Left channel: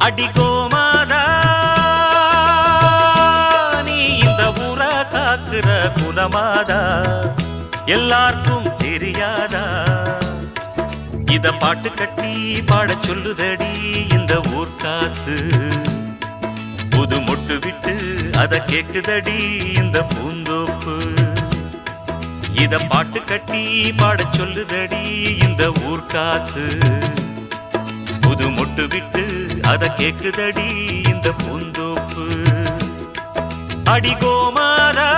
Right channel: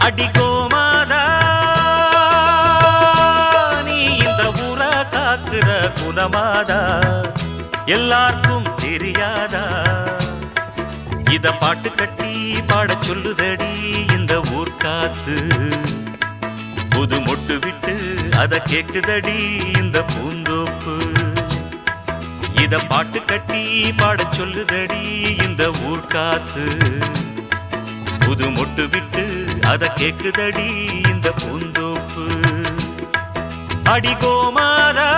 அடிகோமாதா நீ இந்த ஊர காக்குற குலமாதா எல்லாருக்கும் தெரியாதா இத பாட்டு கட்டி பாட சொல்லுதடி இந்த ஊர் காத்து புது மொட்டு விட்டு அத கேக்குதடி இந்த பூந்தோப்பு இத பாட்டு கட்டி பாட சொல்லுதடி இந்த ஊர் காத்து புது மொட்டு விட்டு அத கேக்குதடி இந்த பூந்தோப்பு அடிகோமாதா